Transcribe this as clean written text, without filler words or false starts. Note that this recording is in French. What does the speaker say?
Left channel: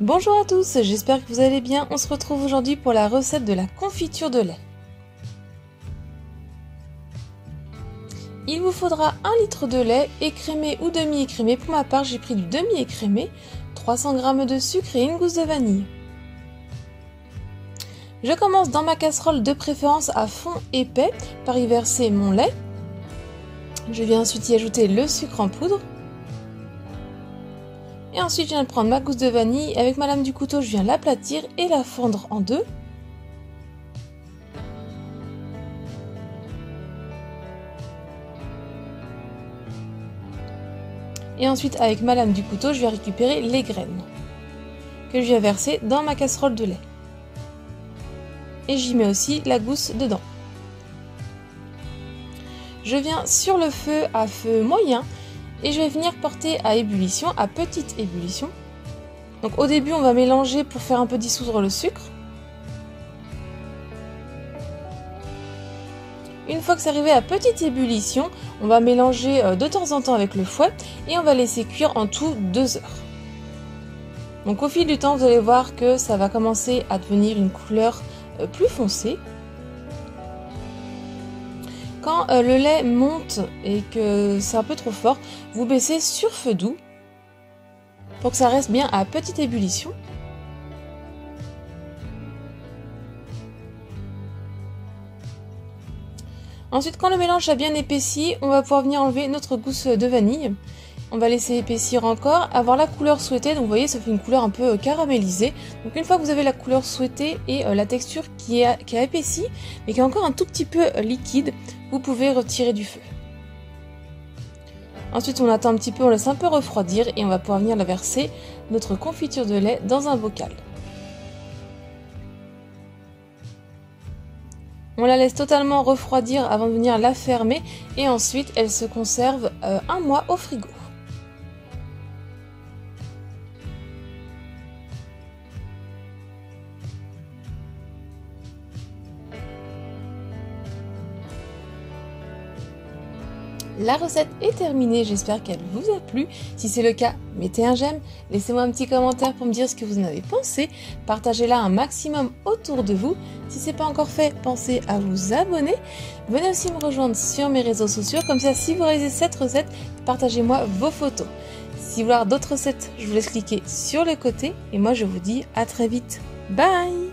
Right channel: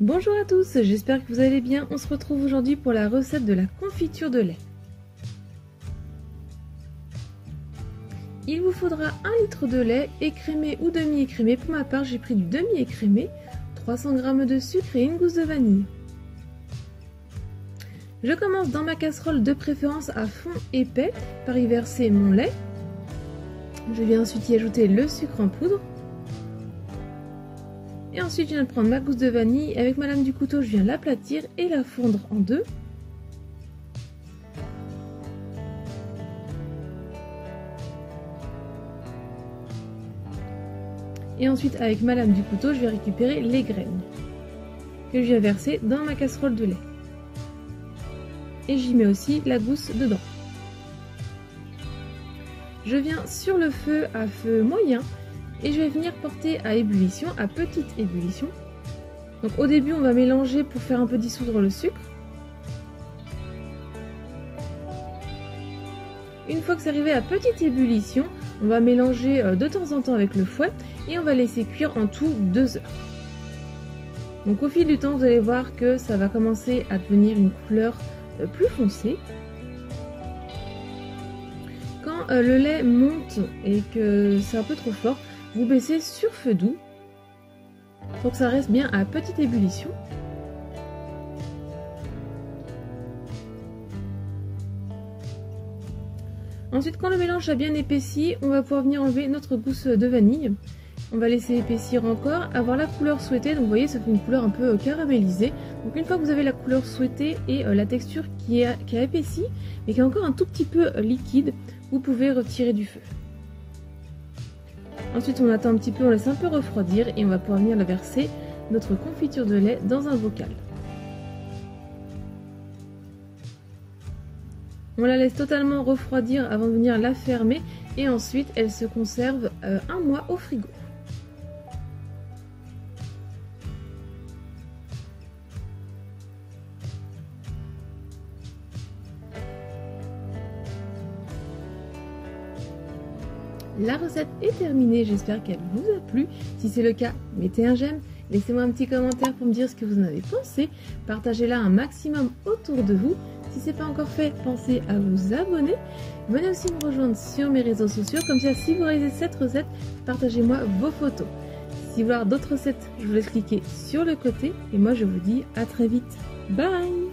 Bonjour à tous, j'espère que vous allez bien. On se retrouve aujourd'hui pour la recette de la confiture de lait. Il vous faudra 1 litre de lait écrémé ou demi-écrémé. Pour ma part, j'ai pris du demi-écrémé, 300 g de sucre et une gousse de vanille. Je commence dans ma casserole de préférence à fond épais par y verser mon lait. Je viens ensuite y ajouter le sucre en poudre. Et ensuite, je viens de prendre ma gousse de vanille. Avec ma lame du couteau, je viens l'aplatir et la fondre en deux. Et ensuite, avec ma lame du couteau, je vais récupérer les graines que je viens verser dans ma casserole de lait. Et j'y mets aussi la gousse dedans. Je viens sur le feu à feu moyen et je vais venir porter à ébullition, à petite ébullition. Donc au début, on va mélanger pour faire un peu dissoudre le sucre. Une fois que c'est arrivé à petite ébullition, on va mélanger de temps en temps avec le fouet et on va laisser cuire en tout 2 heures. Donc au fil du temps, vous allez voir que ça va commencer à devenir une couleur plus foncée. Quand le lait monte et que c'est un peu trop fort, vous baissez sur feu doux pour que ça reste bien à petite ébullition. Ensuite, quand le mélange a bien épaissi, on va pouvoir venir enlever notre gousse de vanille. On va laisser épaissir encore, avoir la couleur souhaitée. Donc vous voyez, ça fait une couleur un peu caramélisée. Donc une fois que vous avez la couleur souhaitée et la texture qui a épaissi, mais qui est encore un tout petit peu liquide, vous pouvez retirer du feu. Ensuite, on attend un petit peu, on laisse un peu refroidir et on va pouvoir venir verser notre confiture de lait dans un bocal. On la laisse totalement refroidir avant de venir la fermer et ensuite elle se conserve 1 mois au frigo. La recette est terminée, j'espère qu'elle vous a plu. Si c'est le cas, mettez un j'aime, laissez-moi un petit commentaire pour me dire ce que vous en avez pensé. Partagez-la un maximum autour de vous. Si ce n'est pas encore fait, pensez à vous abonner. Venez aussi me rejoindre sur mes réseaux sociaux, comme ça si vous réalisez cette recette, partagez-moi vos photos. Si vous voulez voir d'autres recettes, je vous laisse cliquer sur le côté et moi je vous dis à très vite. Bye!